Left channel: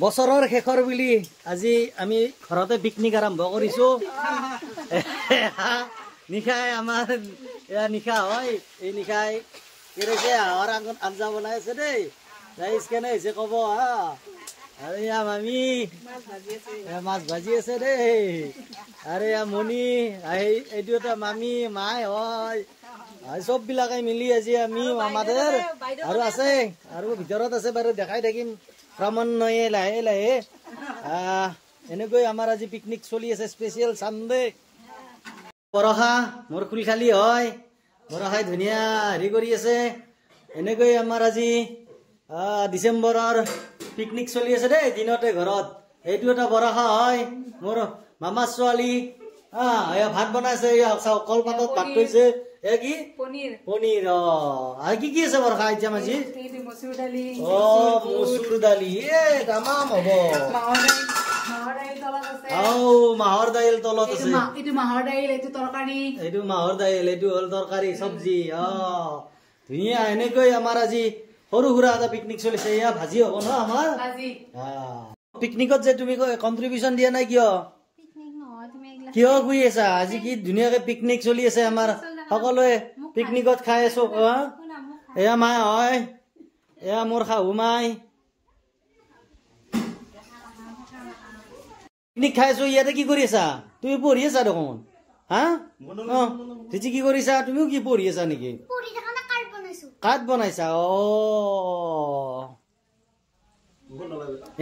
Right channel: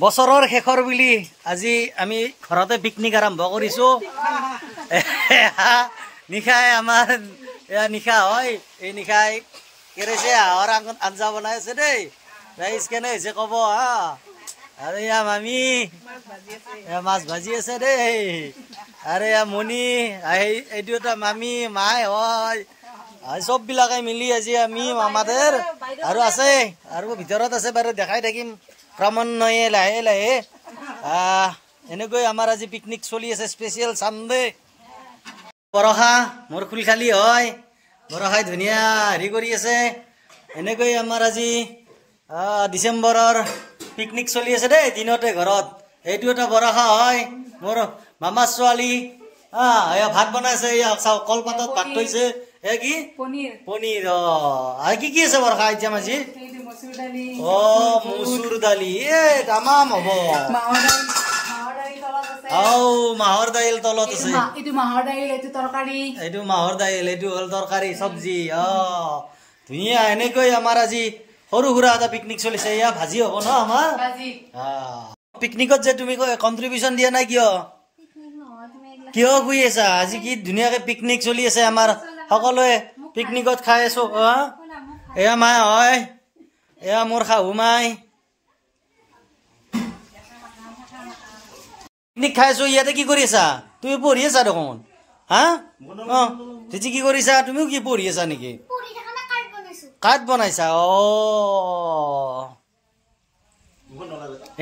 বছৰৰ শেষৰ বুলি আজি আমি ঘৰতে পিকনিক আৰম্ভ কৰিছোঁ। নিশাই আমাৰ নিশা হয়, এই নিশাই কেৰেছে হাঁহৰ আঞ্জা বনাই আছে দেই। ৰাইজ কেনে হৈছে ক'ব হা। আৰু এয়া মামী মাছ ভাজি আছে দেই। আৰু এয়া মণি এইটো এটা মামী মাই হয়। চববিলাকে মিলি আজি আমি মামাদের আৰু আছে আৰু ভিতৰত আছে বাৰু দেখাই থাকিম ক্ৰমান্বয়ে লাহে লাহে। এনেকৈ আমাৰ আজি পিকনিক চলি আছে, স্পেচিয়েল চানডে। বৰষা মোৰ খুল খালী হয়, বৰষাই ধুনীয়া হেৰি কৰি আছে। এনেকৈ আমাৰ আজি ডিচেম্বৰৰ পিকনিক চলি আছে দেই দিনতে ঘৰত। এইটো এটা বৰষা হয় মোৰ মামাৰ ছোৱালী। ভাত বনাইছে, চাওক কলপাতত ভাত থৈছে। কি পনীৰ আৰু কি আছে বৰষা এতিয়া আজি? মচুৰ দালি তামাম হ'ব। মাহৰ দাইল তলত আছে, এইটো মাহৰ দাইল, এইটো হ'ল তৰকাৰী চব্জি। ধুনীয়া। এনেকৈ আমাৰ আজি সৰু সুৰা এটা পিকনিক চলিছে। এয়া ভাজি হ'ব ন আমাৰ পিকনিকত যে তুমি কন্ট্ৰিবিউচন দিয়া নাই কিয়? কিয় শুই আছা? আজি কি ধুনীয়াকে পিকনিক চলি আছে আমাৰ, সকলোৱে পিকনিকত খাই আছো। এয়া মাই হয়, এয়া মোৰ শাহু মাই। পিকনিক খাই আছো। ইয়াতে কি কৰি আছা? তুমি পঢ়ি আছা দেখোন। কি কৰিছা? তুমিও কি পঢ়ি আছা নেকি? কাঠ বনাইছা?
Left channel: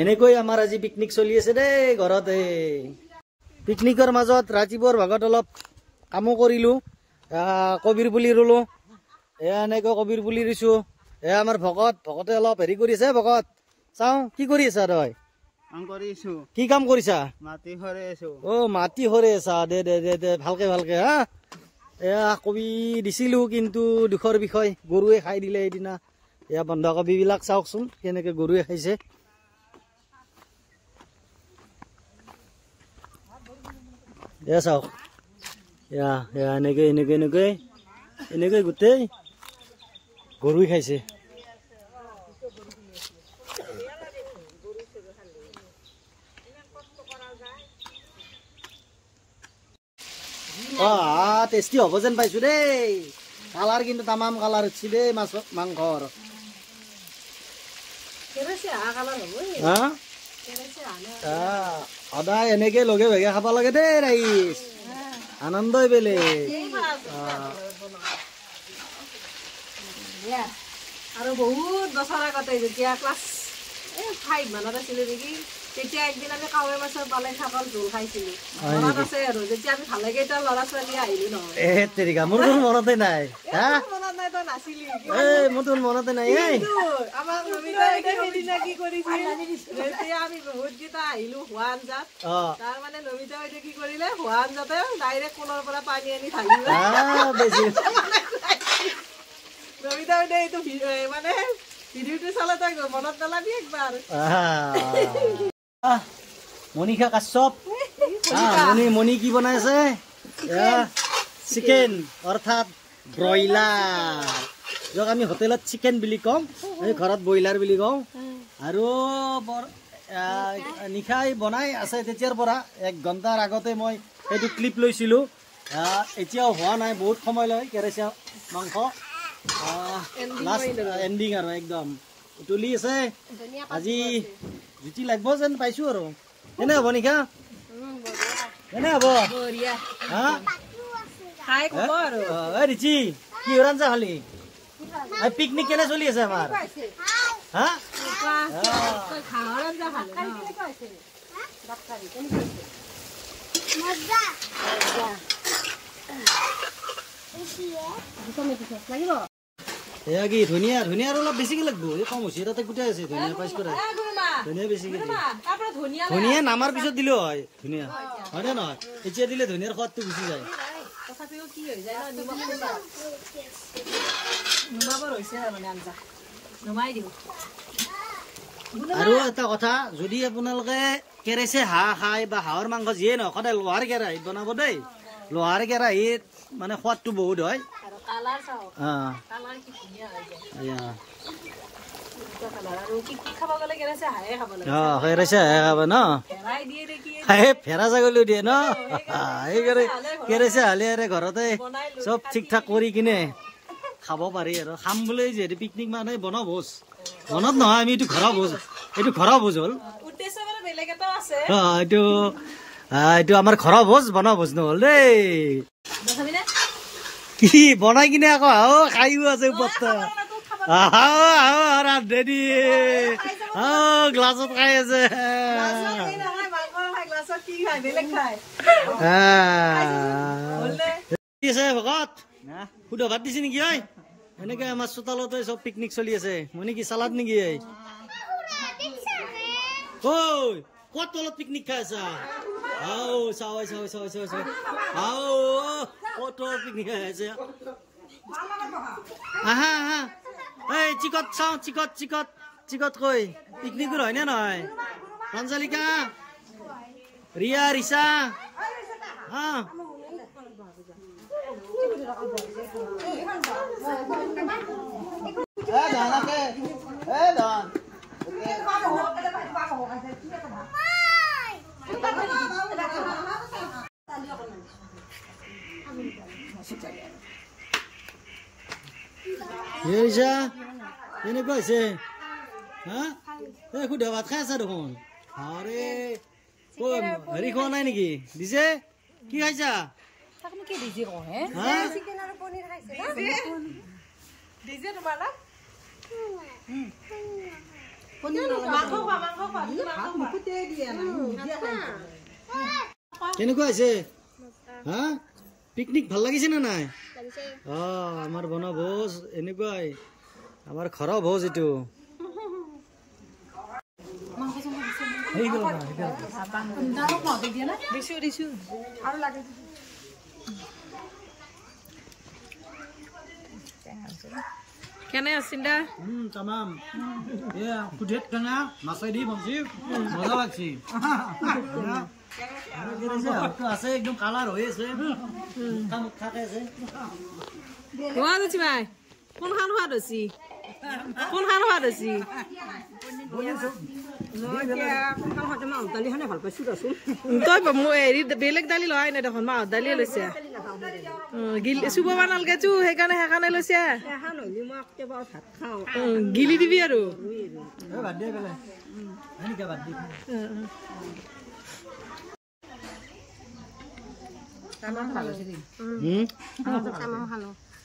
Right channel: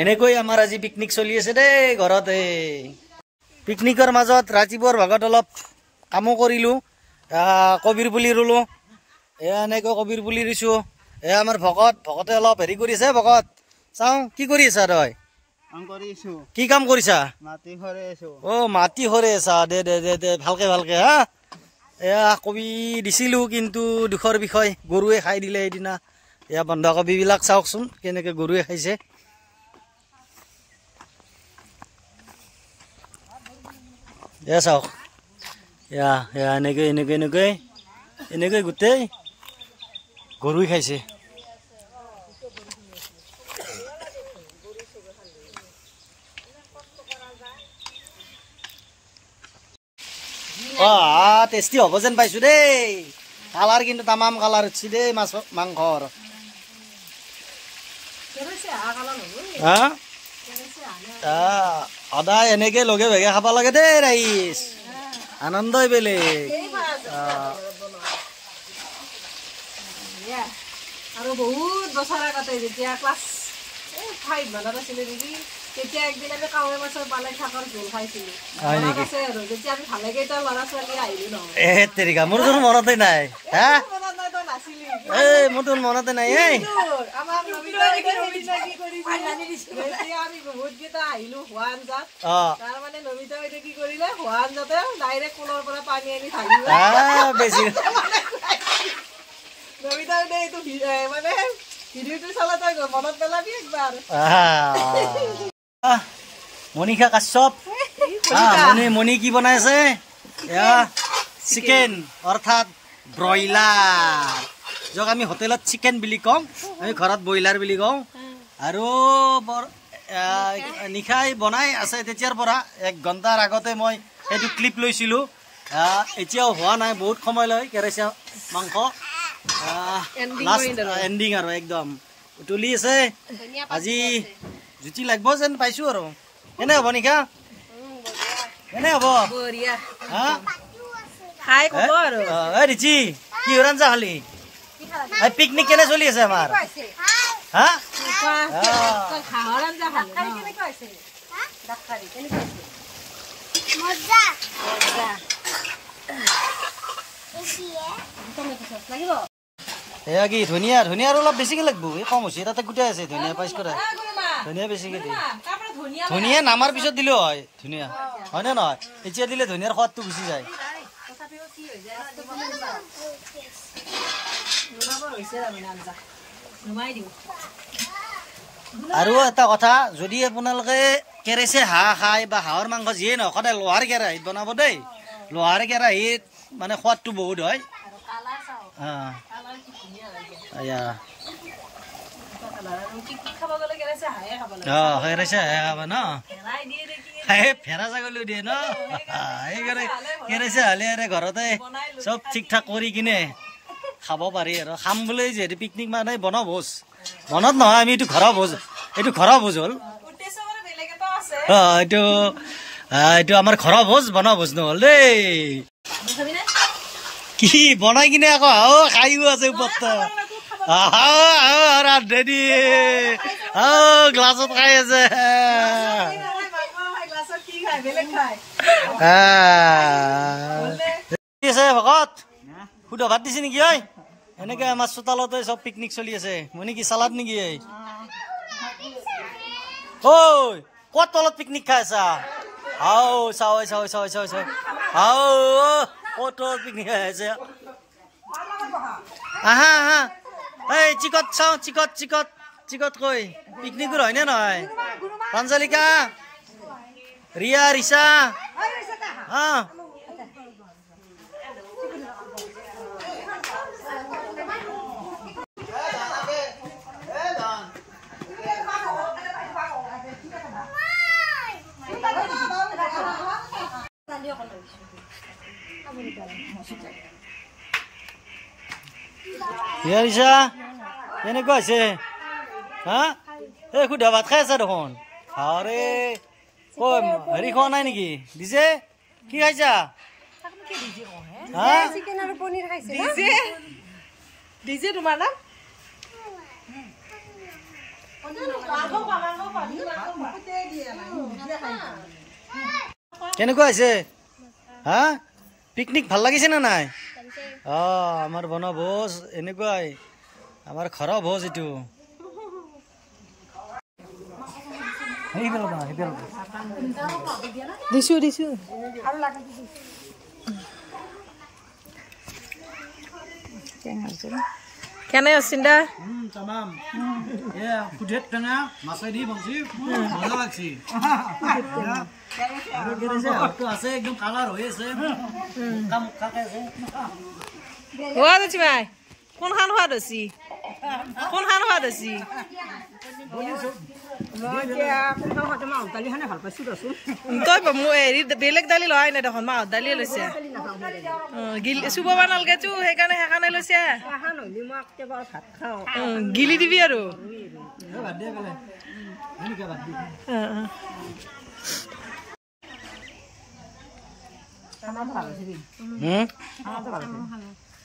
এনেকৈ আমাৰ আজি পিকনিক চলি আছে দেই ঘৰতে। পিকনিকৰ মাজত ৰাতিপুৱাৰ ভাগত অলপ কামো কৰিলোঁ, কবিৰ পুলি ৰুলোঁ। এনেকৈ কবিৰ পুলি ৰুইছোঁ। আমাৰ ভকতে অলপ হেৰি কৰি আছে। ভকত চাওঁ কি কৰি আছা তই? কি কাম কৰিছা? মাটি সৰে আছা? দে ভালকে ভালকে হা। কবি দিছিলোঁ কিন্তু দুখৰ বিষয়, গৰুৱে খাই দিলে সেইদিনা। বন্ধাকবিবিলাক চাওকচোন কেনেকে গৰুৱে খাইছে। চাওক এনেকৈ গোটেই গৰুৱে খাইছে। টেষ্টি হ'ব যেন পাইছোঁ দেই। কালাৰ কিন্তু তামাম কালাৰ উঠছি দেই মাংসৰ। সদায় এনেকে লগে ভাগে খাব লাগে দেই ৰাইজ, আনন্দই বেলেগ। আৰু বহুত বছৰ আগতে যেতিয়া ক্লাছ 5 মানত আছিলো নেকি, তেতিয়া একদিন আমি কাৱৈ মাছৰ পালেং শাকৰ জোল খাইছিলো। মনত আছে আৰু যেতিয়া আমি ভালে কেইটা ল'ৰা ছোৱালী আহিলো নহয়। মোৰ মনতে নাই। মনত নাই, তই নাছিলি। মোৰ মনতে নাই। আমাক নমিতাই কি কৰিছিল, যেতিয়া আমি বহুত কেইটা আহিলো হোৱা আঞ্জাত, তাৰ মানে নমিতাই কি কৰিলে, হোৱা আঞ্জাতে ডাইৰেক্ট কোলৰ পৰা পানী আনি ঢালিলে। নমিতাই এইটো মানে ভিডিঅ'টো চালে তই মনত পেলাবি একবাৰ। মনিষা কাশ্যপ মণি কি বনাই আছে? চিকেন অৰ্থাৎ ব্ৰইলাৰ, যাক আমি হোটেলত চিকেন বুলি কওঁ, আমি ঘৰত ব্ৰইলাৰ বুলি কওঁ। আৰু নিশাই বনাই আছে তেতিয়াৰ পৰা। 1 ঘণ্টাৰ আগতে মই সেইটো ক্লিপ লৈছিলোঁ। এতিয়াও হোৱা নাই, বহুত সময় লয় কেৰেচা মাংস। লাষ্ট এণ্ডিং আৰু একদম উতলি আছে। আজি জুতি লাগিব যেন পাইছোঁ আৰু। কেনে হ'ব নিশা? কেনে হ'ব? ৰিচি কি আঞ্জা খালি? পিকনিক কেনে চলি আছে আমাৰ? এয়া কি ধনিয়া? ধনিয়া আৰু অলপ বেছিকে লাগব, এই কম হৈছে। তাতে গোটাই আছে ধনিয়া পাইছ কৰা। ধনিয়া বেছিকে দিয়ে। ধনিয়া নামাৰ পিছত দিলেও হয় ধনিয়া, হয়নে নহয়? এতিয়া দিলে ধনিয়াৰ সোৱাদটো গুচি যায়। আৰু এটা কথা, যদি আপোনালোকে কেৰেচে হাঁহ খায় বা হাঁহৰ মাংস যিয়ে নহওক, সদায় লোহাৰ কেৰাহীত বনাব দেই। লোহাৰ কেৰাহীত মানে সোৱাদটো বহুত হয়। কেৰেচা খাব ন ফেৰা ছাগলী দিয়ে ন সেইকাৰণে কেৰেচা হ'লে আৰু ঘৰতে চব ঠিক ঠাক কৰি কিনে খাব পাৰি আৰু খাম বুলি যিহেতু পিকনিক মানে বনভোজ মনত নহয় আমি এইটো ঘৰৰ ভোজ হ'ল এইটো আমাৰ ঘৰৰ ভোজ বনভোজ নহ'ল দেই কি বনাই কিনে আকৌ আহ খাইও আছে ওপৰতে ৰান্ধে দিয়ে গ্লাছত খাই আছে ভকত সুধা ভাত দিছে নেকি ঐ এনেকে আমাৰ চোতালতে চব পিকনিক চলি আছে মই নেকি চালাদ নেকি ঐ ক'ত তলত পিকনিক খাই আছা ক'ত তলত পিকনিক খাই আছে আহা আহা এই চিকট চাওঁ চিকট কৈ পিকনিকৰ হয়নে নহয় প্ৰাঞ্জলিকা ৰিয়া ৰিচা ৰিচা কেনেকুৱা হৈছে হা এই সুধা ভাত খাই আছা দেখোন আৰে হেৰি খোৱা নাই নেকি দিছে কি খাইছা কেনেকুৱা হৈছে হা পিকনিক ভাল লাগিছে নে নাই আমাৰ বনভোজ এনেকুৱাই আমাৰ ঘৰৰ ভোজ এইটো দিছো কেনে চিন্তা তামাম কুঠেত টেঙা মাছেদি বনছি মজা লাগছি আছে একদম কালাৰ হৈ আছে কোনখান সোৱাদ হৈছি তই হেৰি বেলেগ দালি লোৱাই নাই দেখোন মাহৰ দালিয়ে লৈছে চুব নালগে চো সেইকাৰণে লৈছে গিলি দিবি আৰু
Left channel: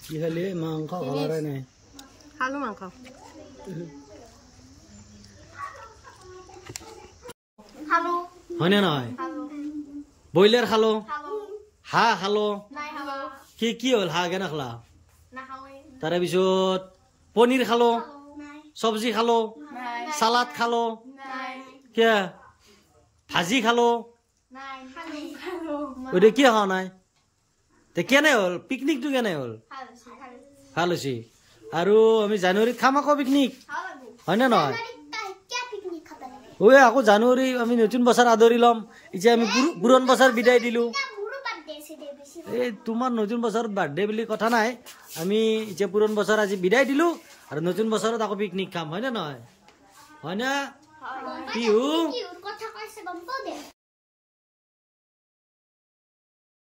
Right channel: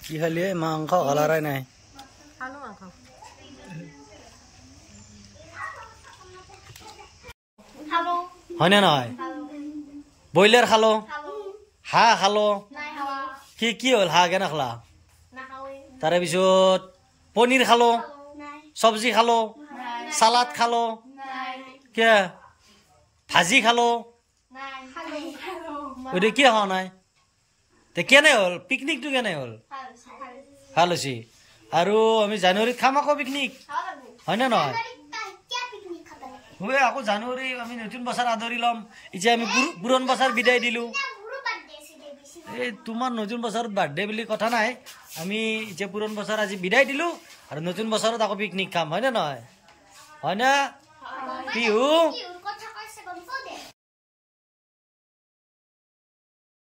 কি খালি মাংস খালাৰাই নাই হয়নে নহয় ব্ৰইলাৰ খালো হাঁহ খালো কি হ'ল হাঁহ কেনে খালা তাৰে পিছত পনীৰ খালো চব্জি খালো সালাদ খালো কে ভাজি খালো ওইটা কি খাওয়া নাই কেনে হল পিকনিকটো কেনে হল ভাল হৈছে আৰু আমি জানুৱাৰীত খাম আকৌ পিকনিক হয়নে নহয় ঐ আকৌ জানুৱাৰী আমি নতুন বছৰ আদৰি ল'ম এতিয়া আমি পুৰণ বছৰ বিদায় দিলো এই তোমাৰ নতুন বছৰত বাৰ্থডে বুলি কথা নাই আমি এতিয়া পুৰণ বছৰ আজি বিদায় দিলো আৰু নতুন বছৰত আকৌ পিকনিক খাম হয়নে নহয় হয়নে পিহু